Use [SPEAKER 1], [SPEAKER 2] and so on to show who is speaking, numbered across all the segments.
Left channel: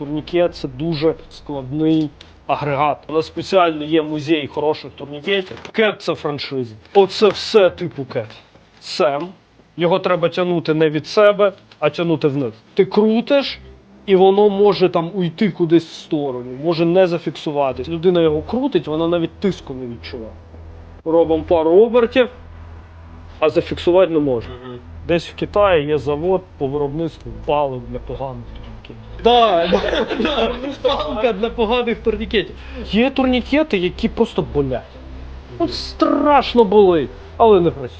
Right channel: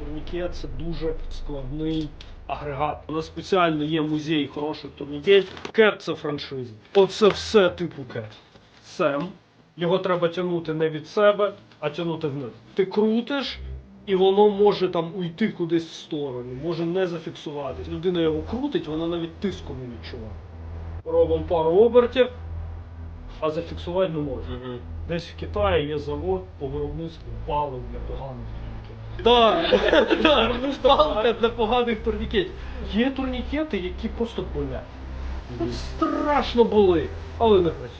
[SPEAKER 1] Турнікет це дуже складний агрегат. У нас спеціально є музей хороших турнікетів. Кет це франшиза. Оце все типу кет. Сем. Його треба тягнути не від себе, а тягнути вниз. Ти крутиш, і воно може там уйти кудись в сторону, може не зафіксуватись. Людина його крутить, вона навіть тиску не відчуває. Робимо пару обертів, а зафіксувати не може. Десь в Китаї є завод по виробництву палив для поганих турнікетів. Так, палка для поганих турнікетів. Є турнікети, які просто болять. От страшно болить, але не працює.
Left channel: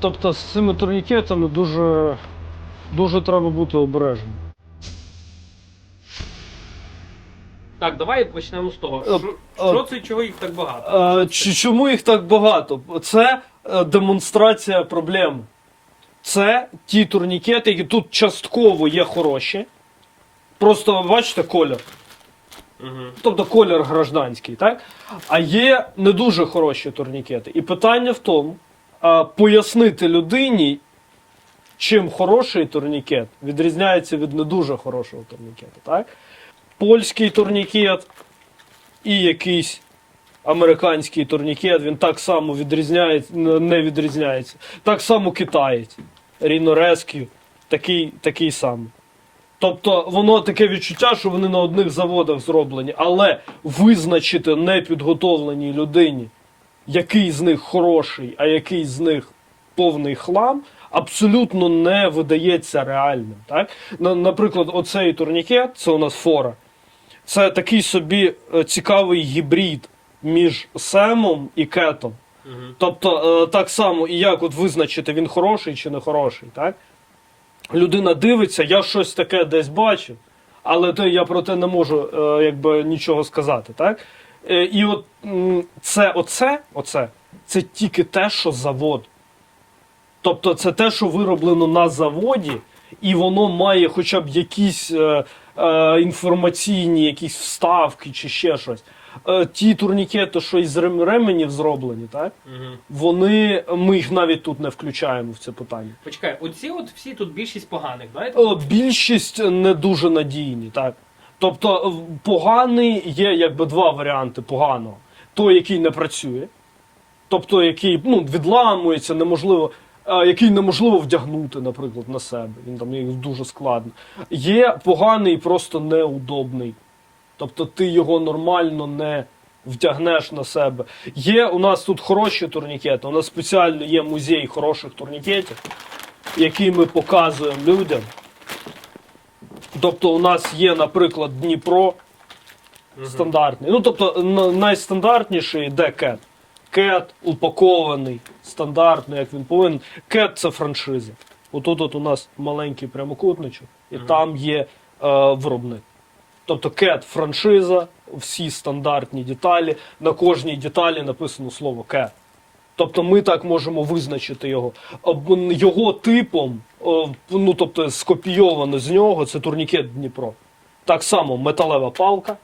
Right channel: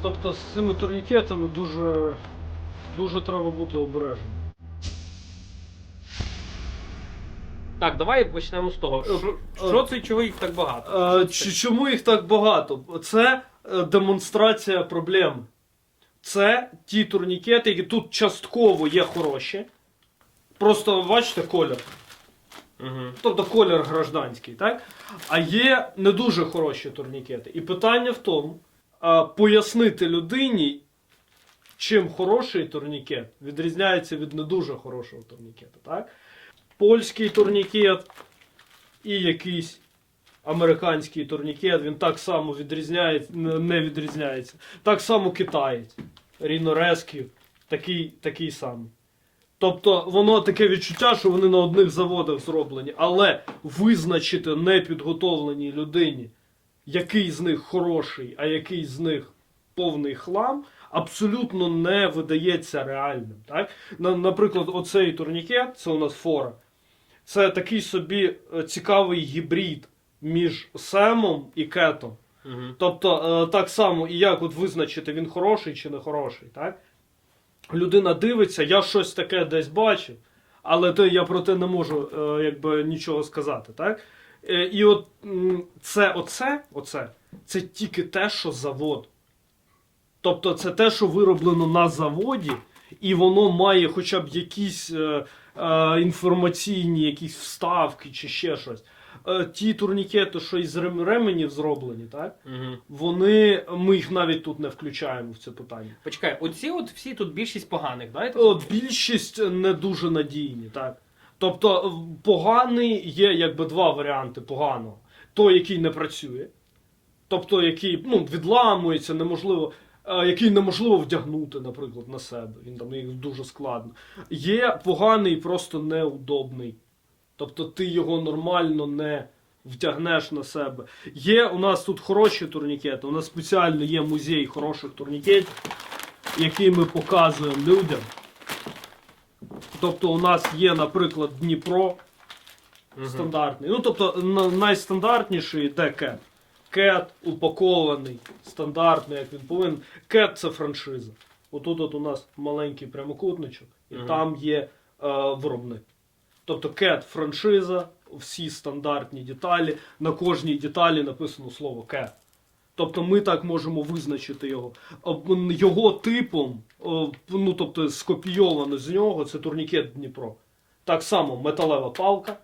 [SPEAKER 1] Тобто з цими турнікетами дуже, дуже треба бути обережним.
[SPEAKER 2] Так, давай почнемо з того.
[SPEAKER 1] Е,
[SPEAKER 2] Що,
[SPEAKER 1] е,
[SPEAKER 2] що це і чого їх так багато?
[SPEAKER 1] Е, чому їх так багато? Це е, демонстрація проблем. Це ті турнікети, які тут частково є хороші. Просто бачите колір.
[SPEAKER 2] Угу.
[SPEAKER 1] Тобто колір гражданський, так? А є не дуже хороші турнікети. І питання в тому, а, пояснити людині, чим хороший турнікет відрізняється від не дуже хорошого турнікета. Так? Польський турнікет і якийсь американський турнікет, він так само відрізняється, не відрізняється. Так само китаєць. Rescue, такий, такий самий. Тобто воно таке відчуття, що вони на одних заводах зроблені, але визначити непідготовленій людині, який з них хороший, а який з них повний хлам, абсолютно не видається реальним. Так? Наприклад, оцей турнікет, це у нас фора. Це такий собі е, цікавий гібрид між семом і кетом.
[SPEAKER 2] Угу.
[SPEAKER 1] Тобто, е, так само, і як от визначити, він хороший чи не хороший, так? Людина дивиться, я щось таке десь бачив, але те, я про те не можу е, якби, нічого сказати. Так? Е, і от це, оце, оце, це тільки те, що завод. Тобто це те, що вироблено на заводі, і воно має хоча б якісь е, е, інформаційні якісь вставки чи ще щось. Е, ті турнікети, що із ременів зроблені, так?
[SPEAKER 2] Угу.
[SPEAKER 1] Вони, ми їх навіть тут не включаємо в це питання.
[SPEAKER 2] Почекай, оці от всі тут більшість поганих, давайте.
[SPEAKER 1] О, більшість не дуже надійні, так. Тобто, поганий є якби два варіанти поганого. Той, який не працює, тобто який ну, відламується, неможливо, який неможливо вдягнути, наприклад, на себе. Він там дуже складно. Є поганий, просто неудобний. Тобто ти його нормально не вдягнеш на себе. Є у нас тут хороші турнікети. У нас спеціально є музей хороших турнікетів, які ми показуємо людям. Тобто у нас є, наприклад, Дніпро стандартний. Ну, тобто найстандартніший йде кет. Кет упакований, стандартний, як він повинен. Кет це франшиза. Отут от у нас маленький прямокутничок, і там є е, виробник. Тобто кет франшиза, всі стандартні деталі. На кожній деталі написано слово кет. Тобто ми так можемо визначити його. Його типом, ну тобто скопійовано з нього, це турнікет Дніпро. Так само металева палка,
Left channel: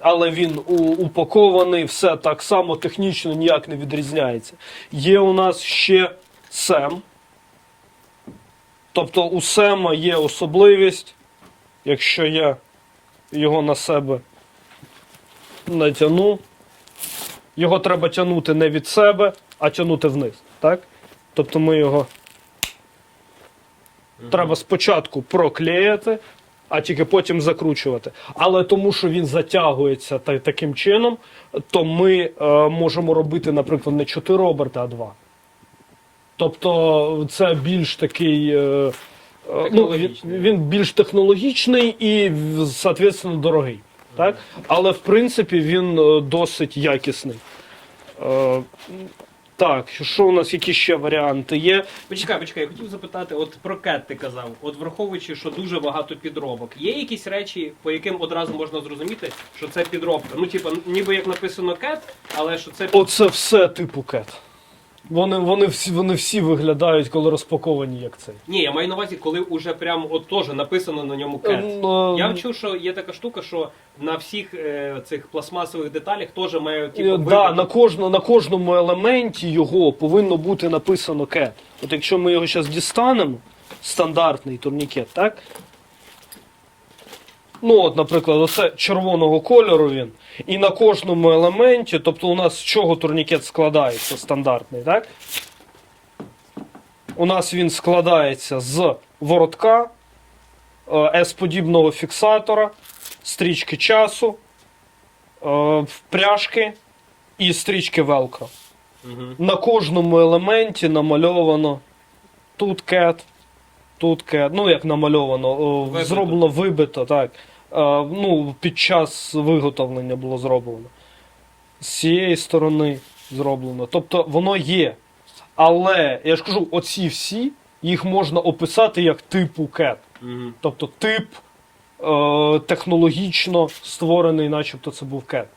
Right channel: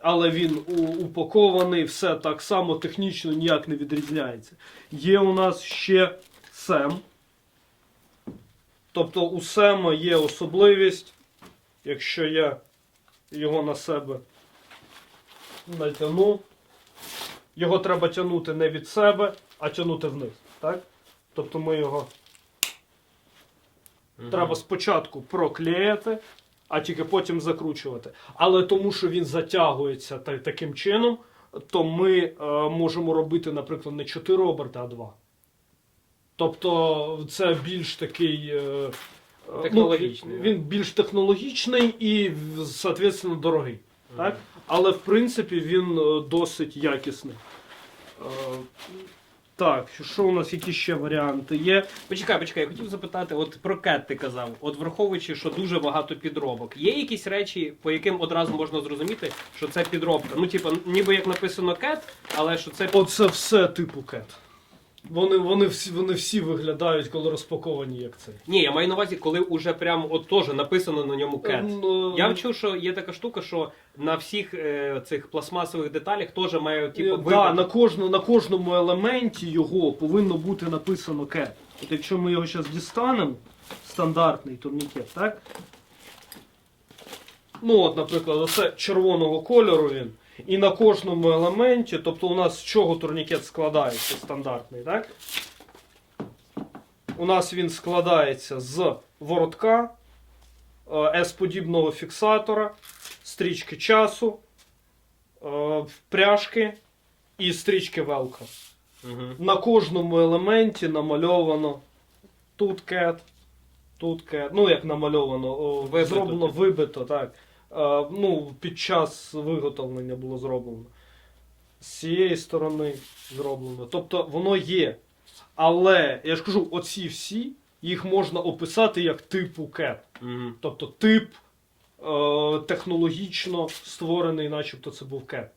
[SPEAKER 1] але він упакований, все так само технічно ніяк не відрізняється. Є у нас ще сем. Тобто у сема є особливість, якщо я його на себе натягну, його треба тягнути не від себе, а тягнути вниз. Так? Тобто ми його
[SPEAKER 2] Мгм.
[SPEAKER 1] треба спочатку проклеїти, а тільки потім закручувати. Але тому, що він затягується та- таким чином, то ми е, можемо робити, наприклад, не 4 оберти, а 2. Тобто це більш такий. е, ну, він, він більш технологічний і, соответственно, дорогий. Так? Але в принципі він е, досить якісний. Е, так, що у нас які ще варіанти є?
[SPEAKER 2] Почекай, почекай, я хотів запитати, от про кет ти казав, от враховуючи, що дуже багато підробок, є якісь речі, по яким одразу можна зрозуміти, що це підробка? Ну, типу, ніби як написано кет, але що це
[SPEAKER 1] Оце все типу кет. Вони, вони, всі, вони всі виглядають, коли розпаковані, як цей.
[SPEAKER 2] Ні, я маю на увазі, коли уже прям от теж написано на ньому кет.
[SPEAKER 1] Ну,
[SPEAKER 2] Я чув, що є така штука, що на всіх е, цих пластмасових деталях теж має
[SPEAKER 1] е,
[SPEAKER 2] типу,
[SPEAKER 1] да, на, кожну, на кожному елементі його повинно бути написано кет. От якщо ми його зараз дістанемо, стандартний турнікет, так? Ну, от, наприклад, оце червоного кольору він. І на кожному елементі, тобто у нас з чого турнікет складається стандартний, так? У нас він складається з воротка, е, S-подібного фіксатора, стрічки часу, е, пряжки і стрічки велкро.
[SPEAKER 2] Угу.
[SPEAKER 1] На кожному елементі намальовано тут кет, тут кет. Ну, як намальовано,
[SPEAKER 2] Вибито.
[SPEAKER 1] зроблено вибито, так. Е, ну, під час виготовлення було зроблено. З цієї сторони зроблено. Тобто воно є. Але я ж кажу, оці всі їх можна описати як типу кет.
[SPEAKER 2] Угу.
[SPEAKER 1] Тобто тип е, технологічно створений, начебто це був кет.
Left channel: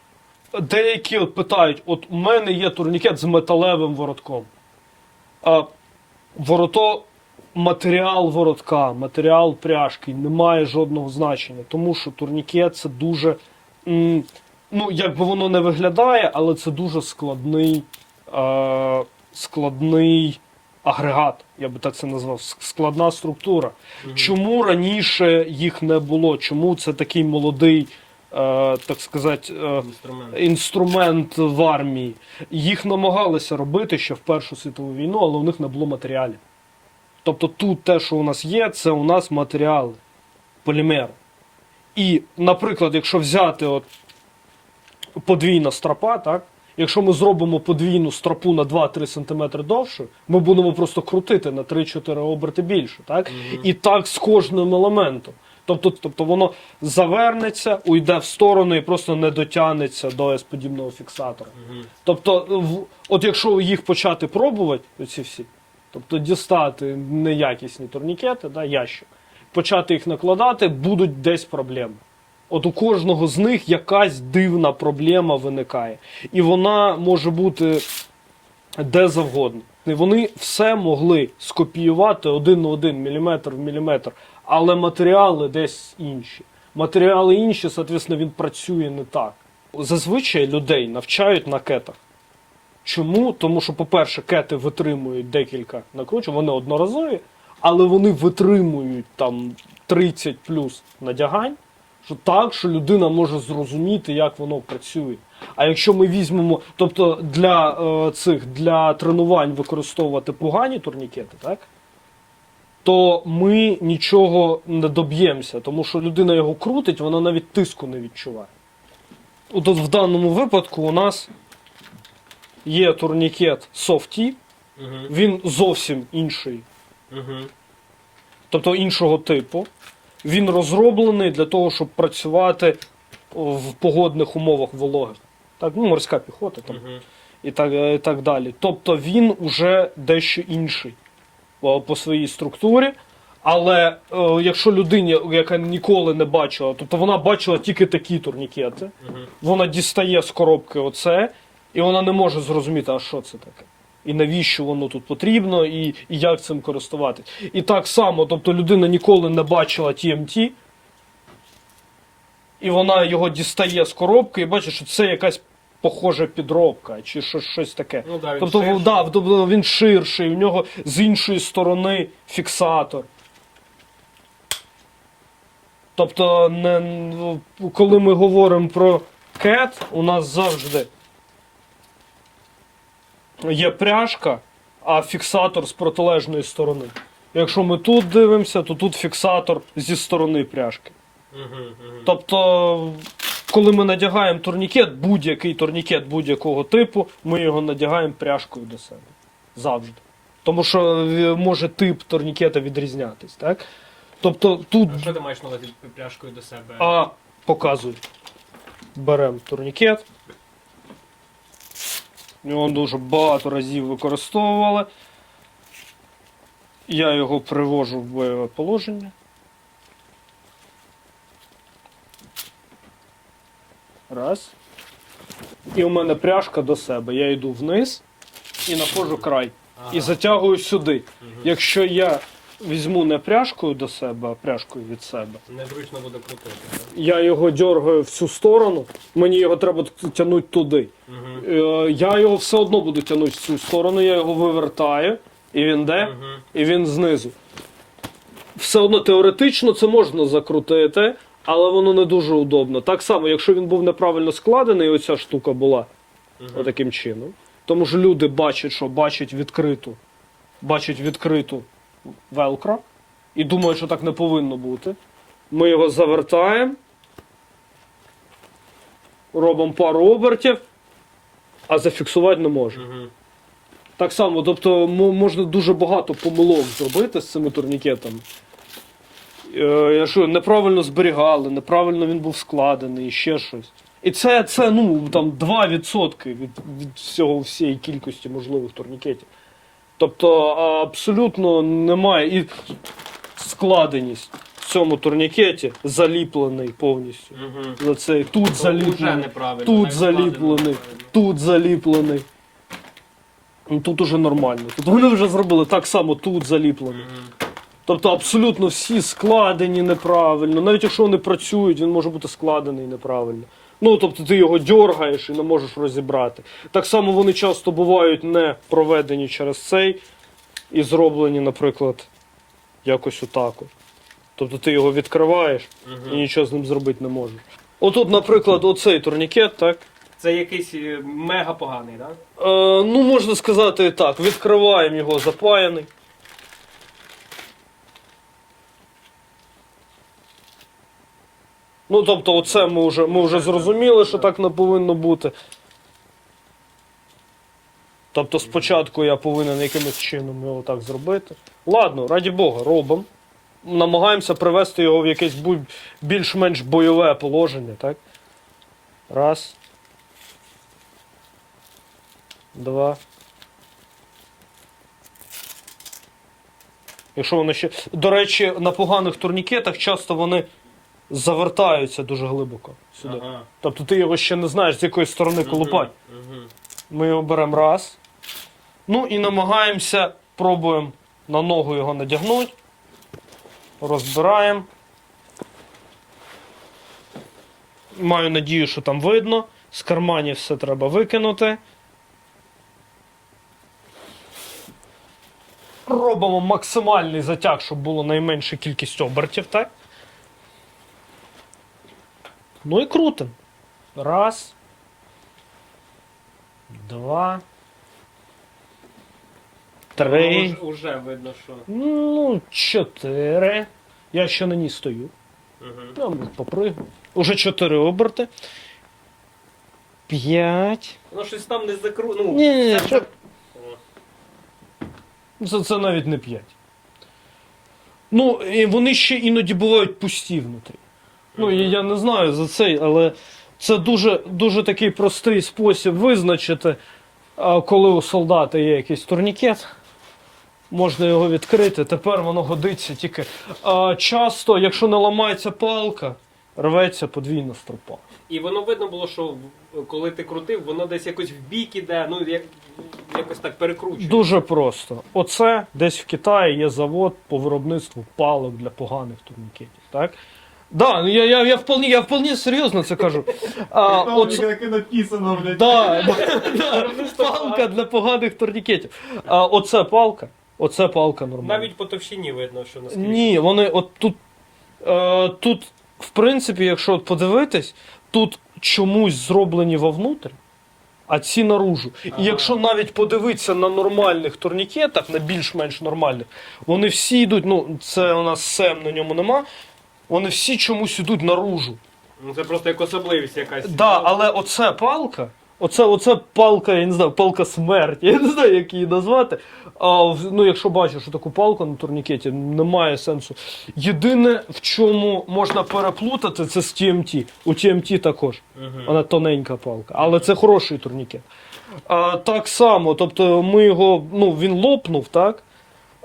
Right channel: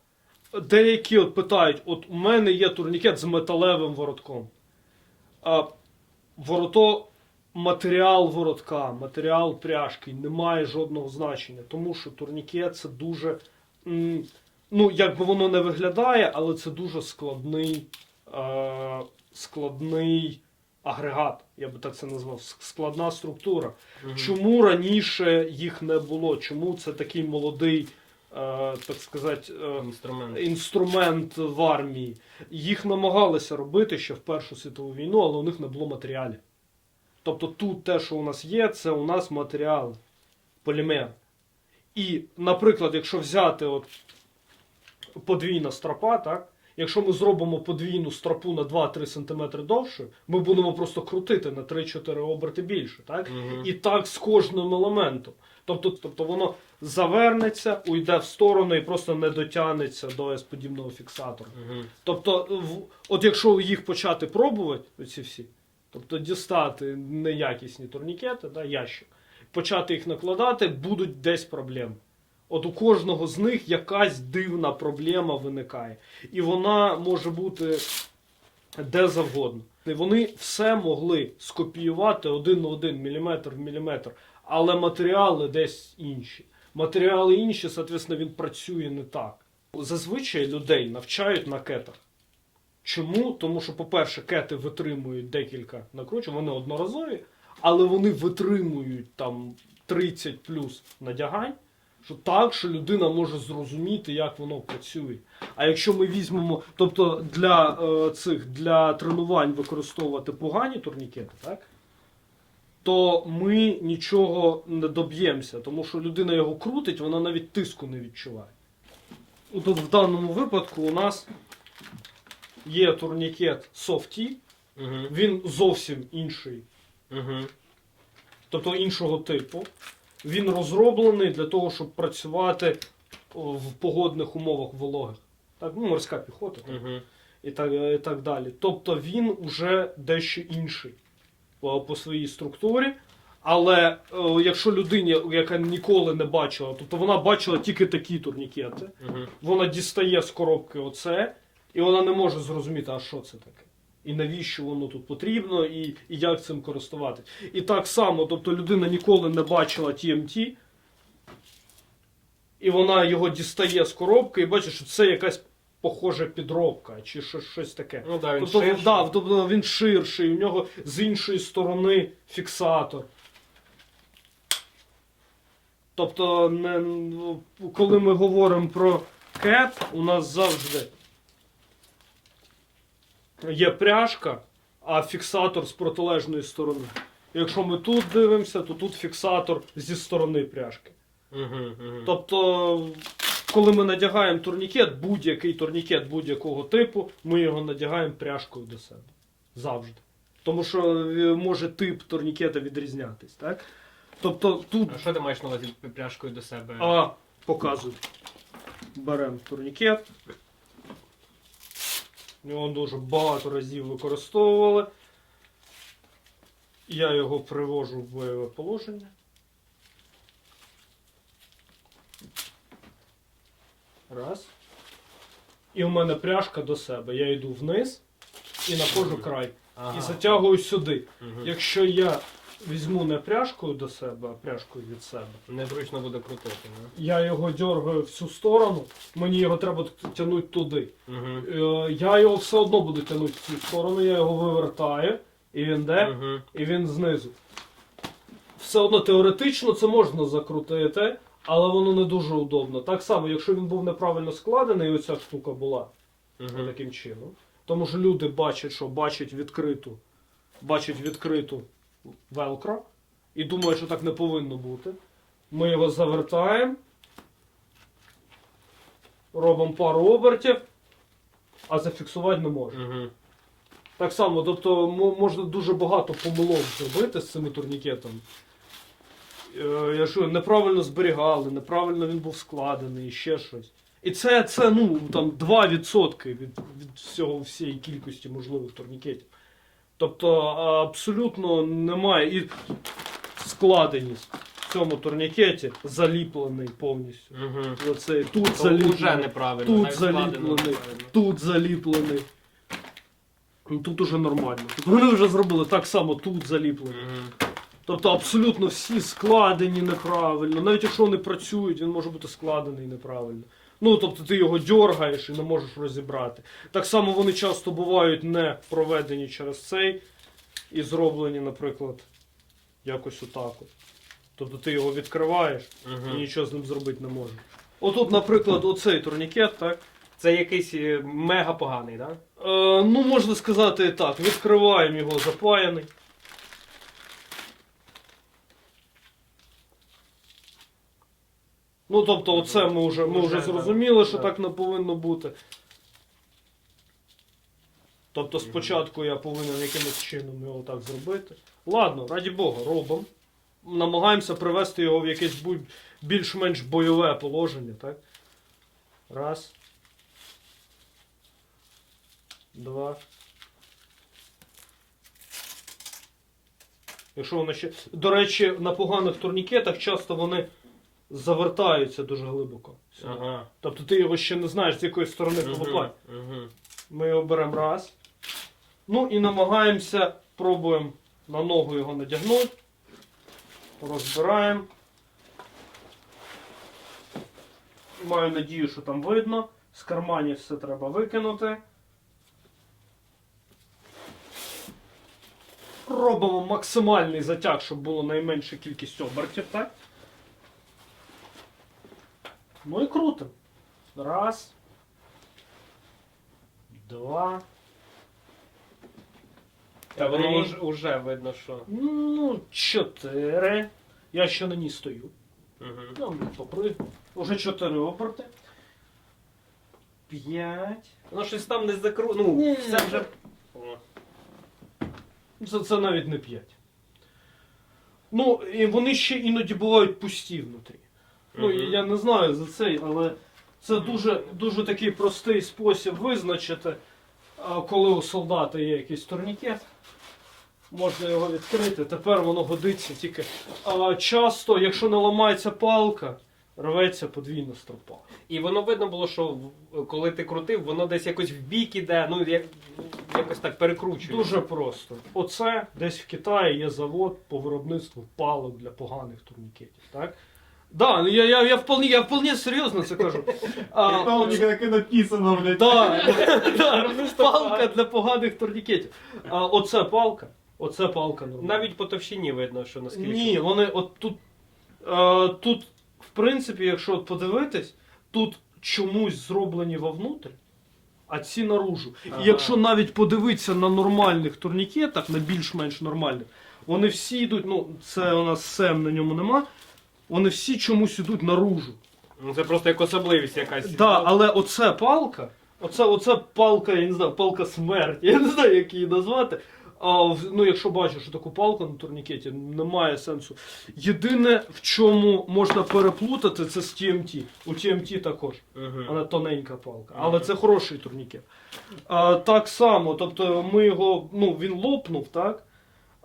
[SPEAKER 1] Деякі от питають: от у мене є турнікет з металевим воротком. А ворото, матеріал воротка, матеріал пряжки не має жодного значення, тому що турнікет це дуже. ну, як би воно не виглядає, але це дуже складний, е, складний агрегат, я би так це назвав, складна структура. Чому раніше їх не було? Чому це такий молодий, е, так сказати, е,
[SPEAKER 2] Інструмент.
[SPEAKER 1] інструмент в армії? Їх намагалися робити ще в Першу світову війну, але у них не було матеріалів. Тобто тут те, що у нас є, це у нас матеріали, полімер. І, наприклад, якщо взяти от подвійна стропа, так? Якщо ми зробимо подвійну стропу на 2-3 см довше, ми будемо просто крутити на 3-4 оберти більше. Так?
[SPEAKER 2] Мгм.
[SPEAKER 1] І так з кожним елементом. Тобто, тобто воно завернеться, уйде в сторону і просто не дотягнеться до S-подібного фіксатора.
[SPEAKER 2] Угу.
[SPEAKER 1] Тобто, в, от якщо їх почати пробувати, оці всі, тобто дістати неякісні турнікети, да, ящик, почати їх накладати, будуть десь проблеми. От у кожного з них якась дивна проблема виникає. І вона може бути де завгодно. Вони все могли скопіювати один на один, міліметр в міліметр, але матеріали десь інші. Матеріали інші, соответственно, він працює не так. Зазвичай людей навчають на кетах. Чому? Тому що, по-перше, кети витримують декілька накручень, вони одноразові, але вони витримують там 30 плюс надягань, що так, що людина може зрозуміти, як воно працює. А якщо ми візьмемо, тобто для е, цих для тренувань використовувати погані турнікети, так? То ми нічого не доб'ємося, тому що людина його крутить, вона навіть тиску не відчуває. От от в даному випадку у нас є турнікет Softy,
[SPEAKER 2] Угу.
[SPEAKER 1] він зовсім інший,
[SPEAKER 2] Угу.
[SPEAKER 1] тобто іншого типу. Він розроблений для того, щоб працювати в погодних умовах вологих. Так, ну, морська піхота там,
[SPEAKER 2] Угу.
[SPEAKER 1] і, так, е, і так далі. Тобто він уже дещо інший по, по своїй структурі. Але е, якщо людині, яка ніколи не бачила, тобто вона бачила тільки такі турнікети,
[SPEAKER 2] Угу.
[SPEAKER 1] вона дістає з коробки оце, і вона не може зрозуміти, а що це таке. І навіщо воно тут потрібно, і, і як цим користуватись. І так само, тобто людина ніколи не бачила TMT, і вона його дістає з коробки і бачить, що це якась похожа підробка, чи щось, щось таке.
[SPEAKER 2] Ну да, він
[SPEAKER 1] Тобто,
[SPEAKER 2] ширший.
[SPEAKER 1] да, тобто він ширший, у нього з іншої сторони фіксатор. Тобто, не, ну, коли ми говоримо про кет, у нас завжди є пряжка, а фіксатор з протилежної сторони. Якщо ми тут дивимося, то тут фіксатор зі сторони пряжки. Тобто, коли ми надягаємо турнікет, будь-який турнікет будь-якого типу, ми його надягаємо пряжкою до себе. Завжди. Тому що е, може тип турнікета відрізнятись, так? Тобто тут
[SPEAKER 2] А що ти маєш на увазі пряжкою до себе?
[SPEAKER 1] а, показую. Беремо турнікет. Його дуже багато разів використовували. Я його привожу в бойове положення. Раз. І в мене пряжка до себе. Я йду вниз і знаходжу край.
[SPEAKER 2] Ага.
[SPEAKER 1] І затягую сюди. Якщо я візьму не пряжкою до себе, а пряжкою від себе,
[SPEAKER 2] Незручно буде крутити. Да?
[SPEAKER 1] я його дергаю в цю сторону, мені його треба тягнути туди.
[SPEAKER 2] Угу.
[SPEAKER 1] Е, Я його все одно буду тягнути в цю сторону, я його вивертаю, і він де?
[SPEAKER 2] Угу.
[SPEAKER 1] І він знизу. Все одно теоретично це можна закрутити, але воно не дуже удобно. Так само, якщо він був неправильно складений, і оця штука була
[SPEAKER 2] Мгм.
[SPEAKER 1] таким чином. Тому що люди бачать, що бачать відкриту, бачать відкриту велкро і думають, що так не повинно бути. Ми його завертаємо, робимо пару обертів, а зафіксувати не можемо.
[SPEAKER 2] Мгм.
[SPEAKER 1] Так само, тобто можна дуже багато помилок зробити з цими турнікетами. Е, Якщо неправильно зберігали, неправильно він був складений, ще щось. І це, це ну, там 2% від, від всього, всієї кількості можливих турнікетів. Тобто абсолютно немає. І складеність в цьому турнікеті заліплений повністю.
[SPEAKER 2] Мгм.
[SPEAKER 1] За цей, тут
[SPEAKER 2] То
[SPEAKER 1] заліплений. Тут заліплений. тут заліплений. Ну, Тут уже нормально. Тут вони вже зробили так само тут заліплено.
[SPEAKER 2] Мгм.
[SPEAKER 1] Тобто абсолютно всі складені неправильно. Навіть якщо вони працюють, він може бути складений неправильно. Ну, тобто ти його дергаєш і не можеш розібрати. Так само вони часто бувають не проведені через цей і зроблені, наприклад, якось отак. Тобто ти його відкриваєш і нічого з ним зробити не можеш. Отут, наприклад, оцей турнікет, так?
[SPEAKER 2] Це якийсь е, мега поганий, так?
[SPEAKER 1] Е, ну, можна сказати і так. Відкриваємо його запаяний. Ну, тобто, оце ми вже, ми вже зрозуміли, що так не повинно бути. Тобто спочатку я повинен якимось чином його так зробити. Ладно, раді Бога, робимо. Намагаємося привести його в якесь більш-менш бойове положення, так? Раз. Два. Якщо воно ще. До речі, на поганих турнікетах часто вони завертаються дуже глибоко сюди.
[SPEAKER 2] Ага.
[SPEAKER 1] Тобто ти його ще не знаєш, з якої сторони колупати.
[SPEAKER 2] Мгм.
[SPEAKER 1] Ми його беремо раз. Ну і намагаємося, пробуємо на ногу його надягнути. Розбираємо. Маю надію, що там видно. З карманів все треба викинути. Робимо максимальний затяг, щоб було найменша кількість обертів, так? Ну і крутим. Раз. Два. Три.
[SPEAKER 2] Воно Уже видно, що.
[SPEAKER 1] Ну, чотири. Я ще на ній стою.
[SPEAKER 2] Мгм.
[SPEAKER 1] Я попригну. Уже чотири оберти. П'ять.
[SPEAKER 2] Воно щось там не закру... Ну,
[SPEAKER 1] Ні, ні,
[SPEAKER 2] це
[SPEAKER 1] ні,
[SPEAKER 2] вже... О.
[SPEAKER 1] Це, це навіть не п'ять. Ну, і вони ще іноді бувають пусті внутрі. Ну, і я не знаю за цей, але це дуже, дуже такий простий спосіб визначити, а, коли у солдата є якийсь турнікет. Можна його відкрити. Тепер воно годиться тільки. А, часто, якщо не ламається палка, рветься подвійна стропа.
[SPEAKER 2] І воно видно було, що коли ти крутив, воно десь якось в бік іде, ну як, якось так перекручує.
[SPEAKER 1] Дуже просто. Оце десь в Китаї є завод по виробництву палок для поганих турнікетів. Так? Да, ну я, я, я, вполне, я вполне серйозно це кажу. А,
[SPEAKER 3] Там
[SPEAKER 1] оце-
[SPEAKER 3] так і написано, блядь.
[SPEAKER 1] Да, да, палка для поганих турнікетів. А оце палка. Оце палка нормальна.
[SPEAKER 2] Навіть по товщині видно, що наскільки.
[SPEAKER 1] Ні, вони от тут. Е, тут, в принципі, якщо от подивитись, тут чомусь зроблені вовнутрь, а ці наружу.
[SPEAKER 2] Ага.
[SPEAKER 1] І якщо навіть подивитися на нормальних турнікетах, на більш-менш нормальних, вони всі йдуть, ну, це у нас сем на ньому нема. Вони всі чомусь йдуть наружу.
[SPEAKER 2] Ну, Це просто як особливість якась.
[SPEAKER 1] Да, але оце палка, оце, оце палка, я не знаю, палка смерті, я не знаю, як її назвати. А, ну, якщо бачиш що таку палку на турнікеті, немає сенсу. Єдине, в чому можна переплутати, це з TMT. У TMT також.
[SPEAKER 2] Мгм.
[SPEAKER 1] Вона тоненька палка, але це хороший турнікет. А, так само, тобто ми його, ну, він лопнув, так?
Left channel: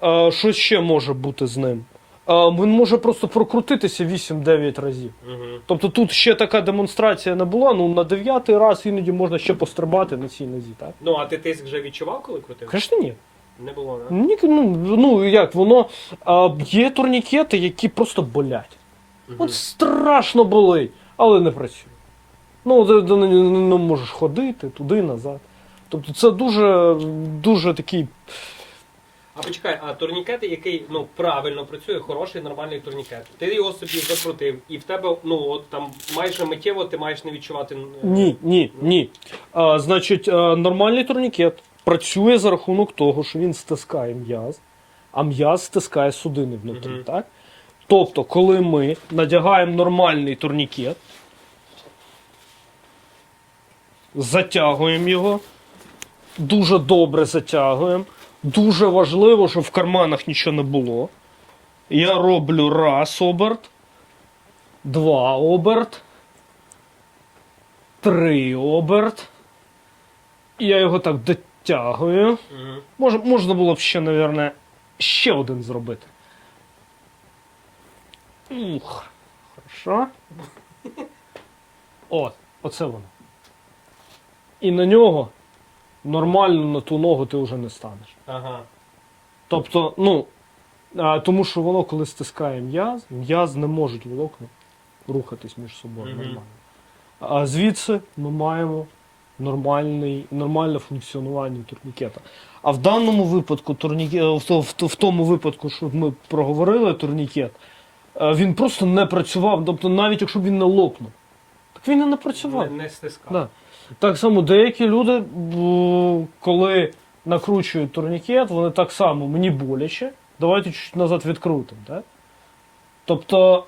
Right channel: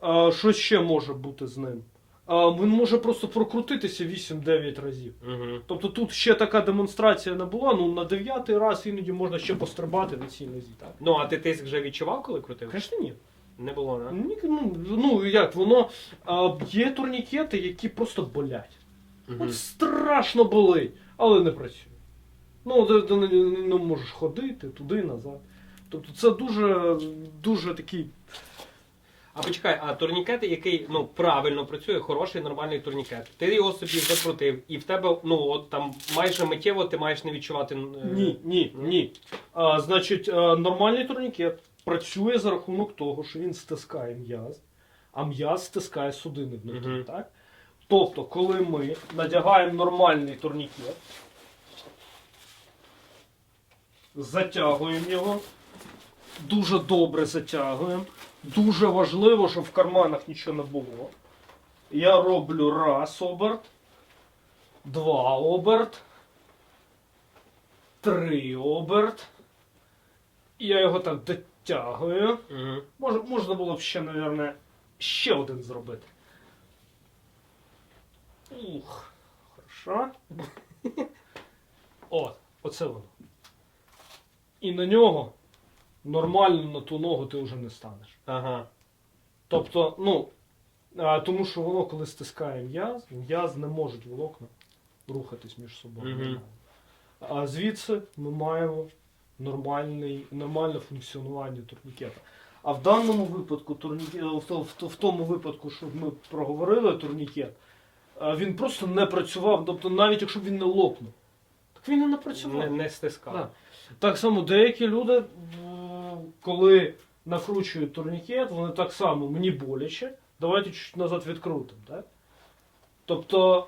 [SPEAKER 1] А, що ще може бути з ним? А, він може просто прокрутитися 8-9 разів.
[SPEAKER 2] Мгм.
[SPEAKER 1] Тобто тут ще така демонстрація не була, ну на дев'ятий раз іноді можна ще пострибати на цій нозі, так?
[SPEAKER 2] Ну, а ти тиск вже відчував, коли крутив?
[SPEAKER 1] Звісно, ні.
[SPEAKER 2] Не було, да?
[SPEAKER 1] Ні, ну, ну як, воно а, є турнікети, які просто болять.
[SPEAKER 2] Мгм.
[SPEAKER 1] От страшно болить, але не працює. Ну, ти, ти не, не можеш ходити туди, назад. Тобто це дуже, дуже такий.
[SPEAKER 2] А почекай, а турнікет, який ну правильно працює, хороший, нормальний турнікет. Ти його собі закрутив, і в тебе ну от там майже миттєво ти маєш не відчувати. е,
[SPEAKER 1] Ні, ні, ні. А, значить, а, нормальний турнікет працює за рахунок того, що він стискає м'яз, а м'яз стискає судини внутрі.
[SPEAKER 2] Мгм.
[SPEAKER 1] Так? Тобто, коли ми надягаємо нормальний турнікет, затягуємо його, дуже добре затягуємо. Дуже важливо, щоб в карманах нічого не було. Я роблю раз оберт, два оберт, три оберт. Я його так дотягую.
[SPEAKER 2] Мгм.
[SPEAKER 1] Мож, можна було б ще, мабуть, ще один зробити. Ух, хорошо. От, оце воно. І на нього нормально на ту ногу ти вже не станеш.
[SPEAKER 2] Ага.
[SPEAKER 1] Тобто, ну, а, тому що воно, коли стискає м'яз, м'яз не можуть волокна рухатись між собою
[SPEAKER 2] Мгм.
[SPEAKER 1] нормально. А звідси ми маємо нормальний, нормальне функціонування турнікета. А в даному випадку, турніке, в, то- в, то- в тому випадку, що ми проговорили турнікет, е, він просто не працював. Тобто, навіть якщо б він не лопнув, так він і не працював.
[SPEAKER 2] Не, не стискав.
[SPEAKER 1] Да. Так само деякі люди, коли накручують турнікет, вони так само мені боляче. Давайте чуть назад відкрутимо. Так? Тобто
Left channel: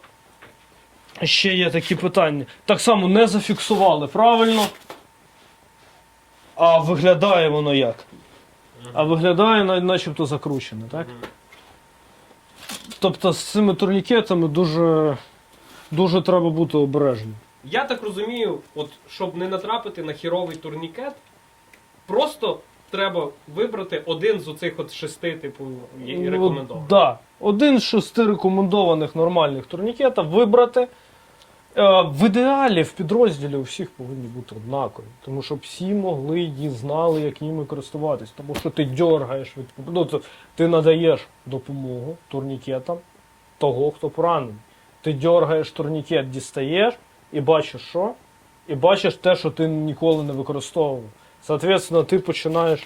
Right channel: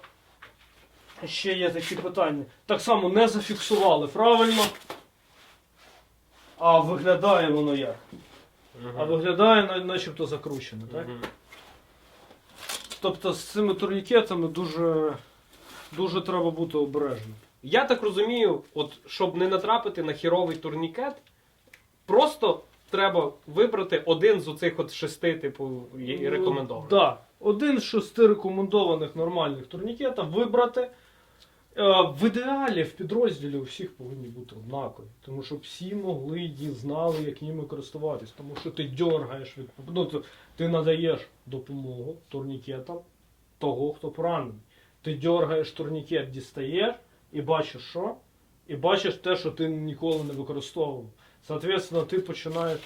[SPEAKER 1] ще є такі питання. Так само не зафіксували правильно. А виглядає воно як? А виглядає начебто закручено, так? Тобто з цими турнікетами дуже, дуже треба бути обережним.
[SPEAKER 2] Я так розумію, от щоб не натрапити на хіровий турнікет, просто треба вибрати один з оцих от шести, типу, є рекомендованих.
[SPEAKER 1] Так. Да. Один з шести рекомендованих нормальних турнікетів вибрати. Е, В ідеалі в підрозділі у всіх повинні бути однакові, тому що всі могли і знали, як ними користуватись. Тому що ти дергаєш від ну, то ти надаєш допомогу турнікетам того, хто поранений. Ти дергаєш турнікет, дістаєш і бачиш що? І бачиш те, що ти ніколи не використовував. Соответственно, ти починаєш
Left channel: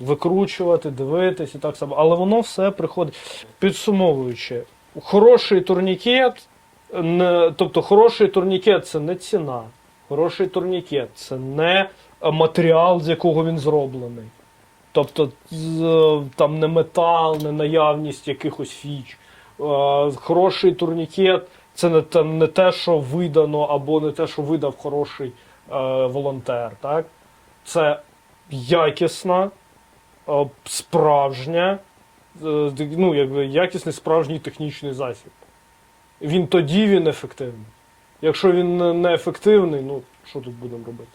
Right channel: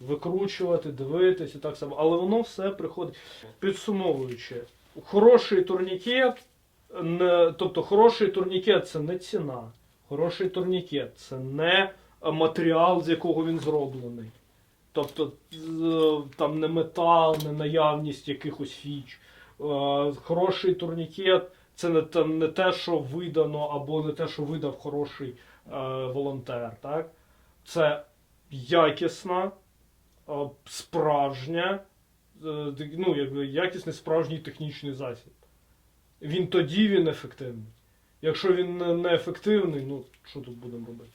[SPEAKER 1] викручувати, дивитись і так само. Але воно все приходить. Підсумовуючи, хороший турнікет, не, тобто хороший турнікет це не ціна. Хороший турнікет це не матеріал, з якого він зроблений. Тобто там не метал, не наявність якихось фіч. Е, Хороший турнікет це не те, не те, що видано, або не те, що видав хороший е, волонтер. Так? Це якісна, е, справжня, е, ну, якби якісний справжній технічний засіб. Він тоді він ефективний. Якщо він не- ефективний, ну що тут будемо робити?